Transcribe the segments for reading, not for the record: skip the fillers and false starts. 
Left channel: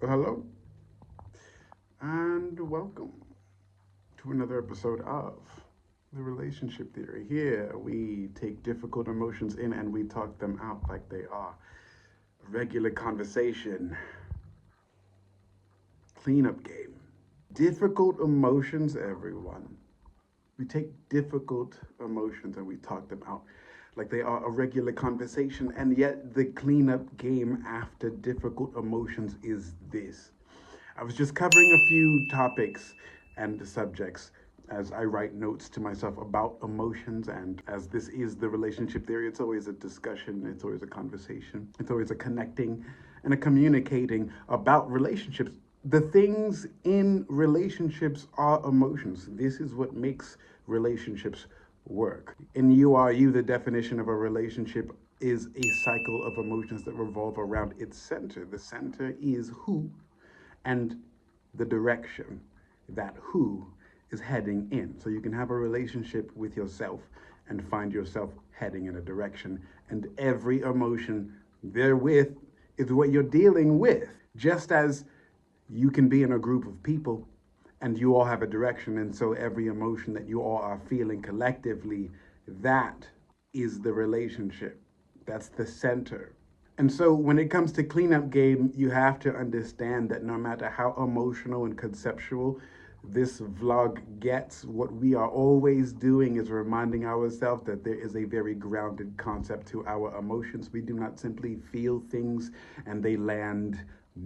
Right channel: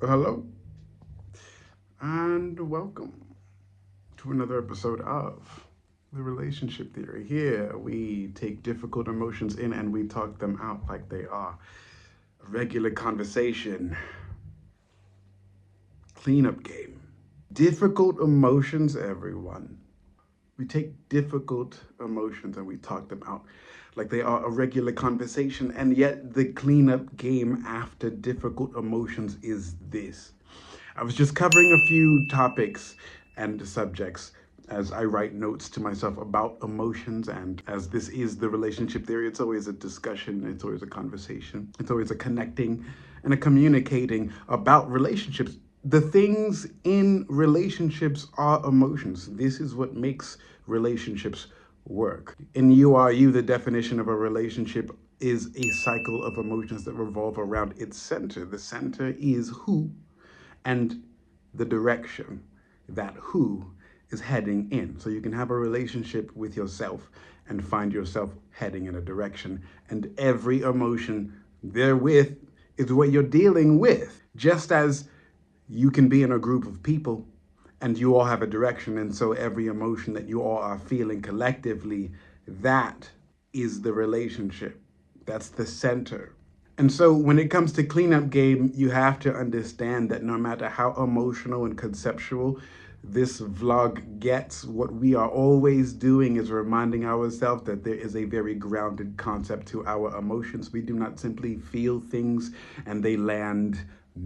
Hello, and welcome to another episode of the Relationship Theory. Here, we take difficult emotions in and we talk them out like they are a regular conversation, cleanup game. Difficult emotions, everyone. We take difficult emotions and we talk them out like they are a regular conversation, and yet the cleanup game after difficult emotions is this. I was just covering a few topics and subjects as I write notes to myself about emotions, and as this is the relationship theory, it's always a discussion, it's always a conversation, it's always a connecting and a communicating about relationships. The things in relationships are emotions. This is what makes relationships work. In You Are You, the definition of a relationship is a cycle of emotions that revolve around its center. The center is who and the direction that who is heading in. So you can have a relationship with yourself and find yourself heading in a direction. And every emotion therewith is what you're dealing with. Just as you can be in a group of people and you all have a direction, and so every emotion that you all are feeling collectively, that is the relationship. That's the center. And so when it comes to cleanup game, you have to understand that no matter how emotional and conceptual this vlog gets, what we are always doing is reminding ourselves that there is a very grounded concept to our emotions. We do not simply feel things and they land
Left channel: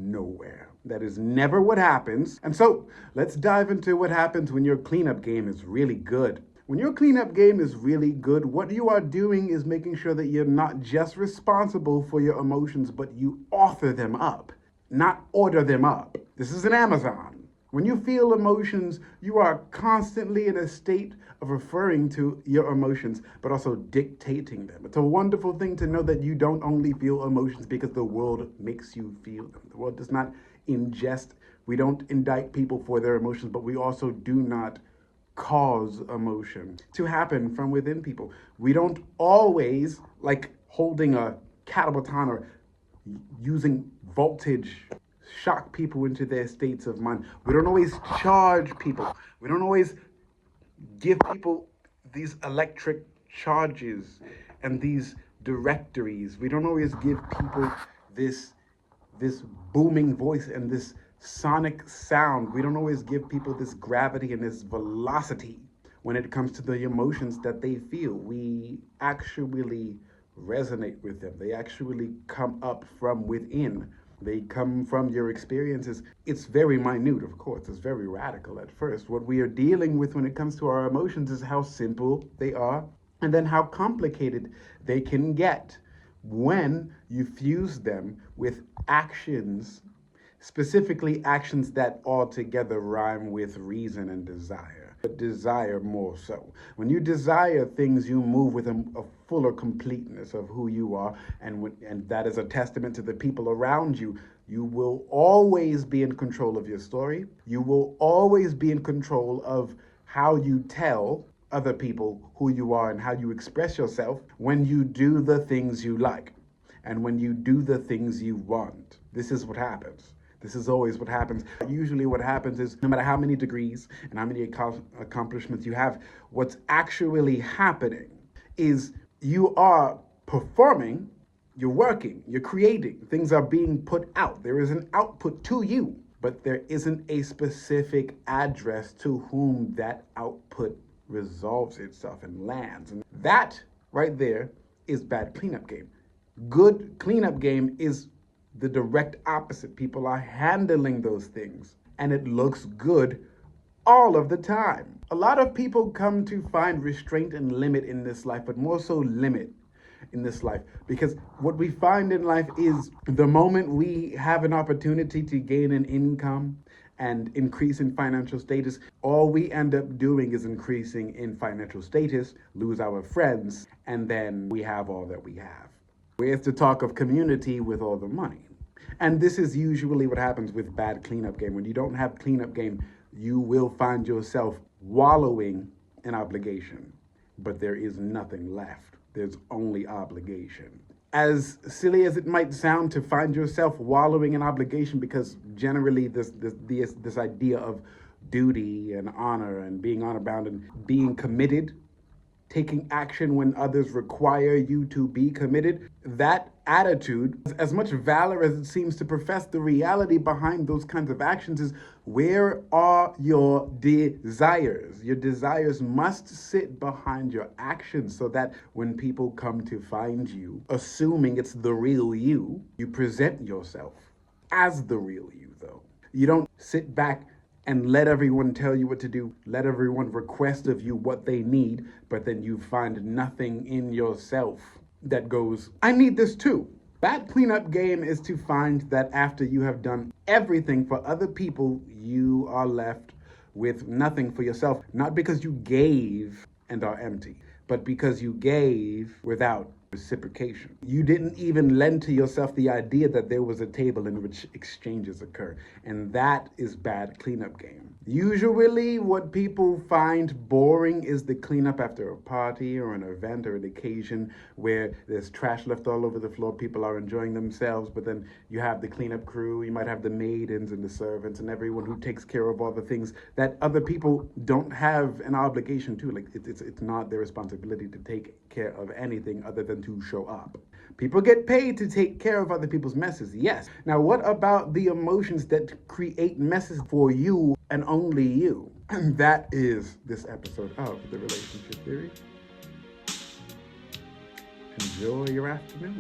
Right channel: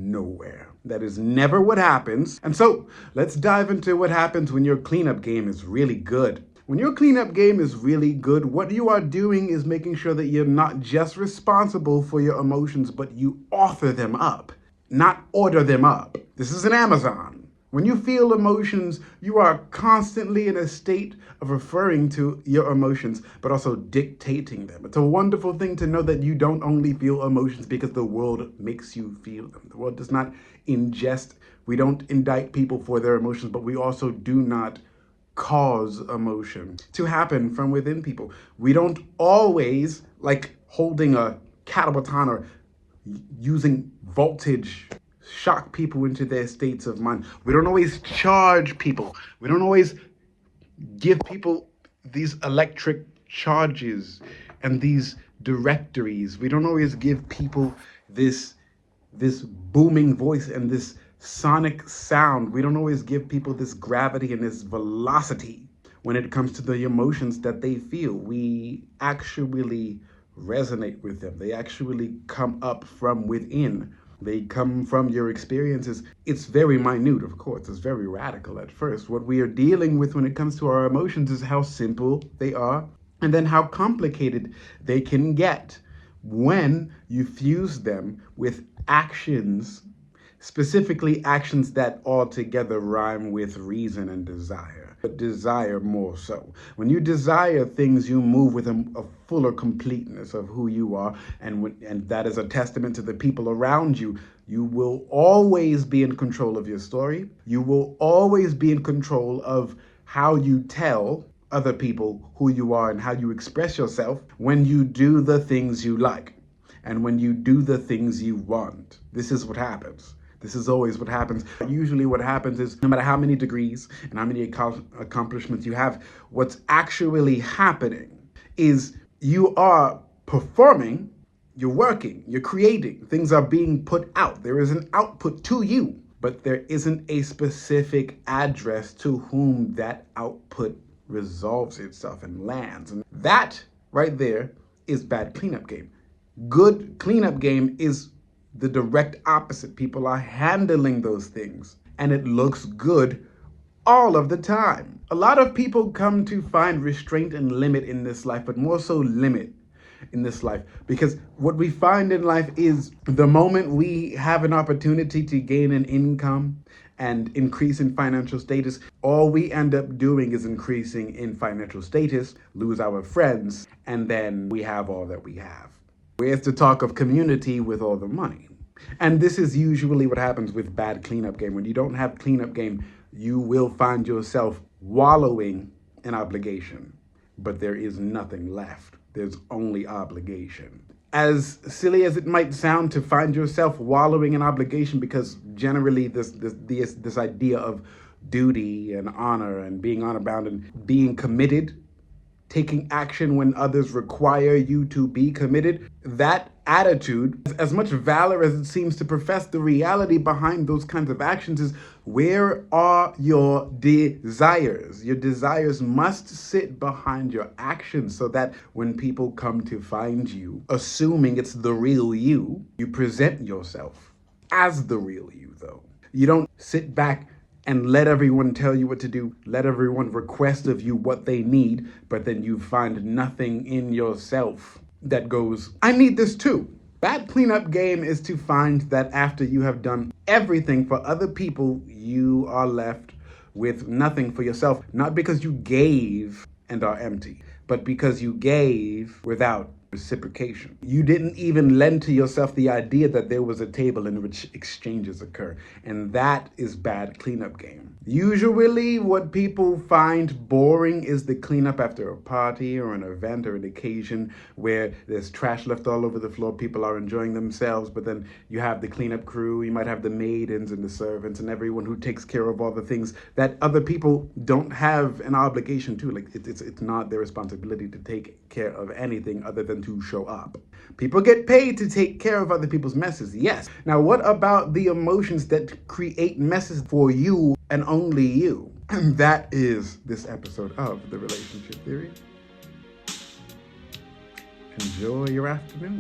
nowhere. That is never what happens. And so let's dive into what happens when your cleanup game is really good. When your cleanup game is really good, what you are doing is making sure that you're not just responsible for your emotions, but you author them up, not order them up. This is an Amazon. When you feel emotions, you are constantly in a state of referring to your emotions, but also dictating them. It's a wonderful thing to know that you don't only feel emotions because the world makes you feel them. The world does not ingest, we don't indict people for their emotions, but we also do not cause emotion to happen from within people. We don't always, like holding a cattle baton or using voltage, shock people into their states of mind. We don't always charge people. We don't always give people these electric charges and these directories. We don't always give people this this booming voice and this sonic sound. We don't always give people this gravity and this velocity when it comes to the emotions that they feel. We actually resonate with them. They actually come up from within. They come from your experiences. It's very minute, of course. It's very radical at first. What we are dealing with when it comes to our emotions is how simple they are and then how complicated they can get when you fuse them with actions, specifically actions that altogether rhyme with reason and desire, but desire more so. When you desire things, you move with a fuller completeness of who you are, and that is a testament to the people around you. You will always be in control of your story. You will always be in control of how you tell other people who you are and how you express yourself when you do the things you like and when you do the things you want. This is what happens. This is always what happens. Usually what happens is no matter how many degrees and how many accomplishments you have, what's actually happening is you are performing, you're working, you're creating, things are being put out. There is an output to you, but there isn't a specific address to whom that output resolves itself and lands. And that right there is bad cleanup game. Good cleanup game is the direct opposite. People are handling those things and it looks good all of the time. A lot of people come to find restraint and limit in this life, but more so limit in this life, because what we find in life is the moment we have an opportunity to gain an income and increase in financial status, all we end up doing is increasing in financial status, lose our friends, and then we have all that we have. Where's the talk of community with all the money? And this is usually what happens with bad cleanup game. When you don't have cleanup game, you will find yourself wallowing in obligation, but there is nothing left. There's only obligation. As silly as it might sound to find yourself wallowing in obligation, because generally this idea of duty and honor and being honor bound and being committed, taking action when others require you to be committed, that attitude, as much valor as it seems to profess, the reality behind those kinds of actions is, where are your desires? Your desires must sit behind your actions, so that when people come to find you, assuming it's the real you, you present yourself as the real you, though. You don't sit back and let everyone tell you what to do, let everyone request of you what they need, but then you find nothing in yourself that goes, I need this too. That cleanup game is to find that after you have done everything for other people, you are left with nothing for yourself. Not because you gave and are empty, but because you gave without reciprocation. You didn't even lend to yourself the idea that there was a table in which exchanges occur. And that is bad cleanup game. Usually what people find boring is the cleanup after a party or an event or an occasion where there's trash left all over the floor, people are enjoying themselves, but then you have the cleanup crew, you might have the maidens and the servants and everyone who takes care of all the things that other people don't have an obligation to. Like it's not their responsibility to take care of anything other than to show up. People get paid to take care of other people's messes, yes. Now, what about the emotions that create messes for you and only you? And that is this episode of The Relationship Theory. Enjoy your afternoon.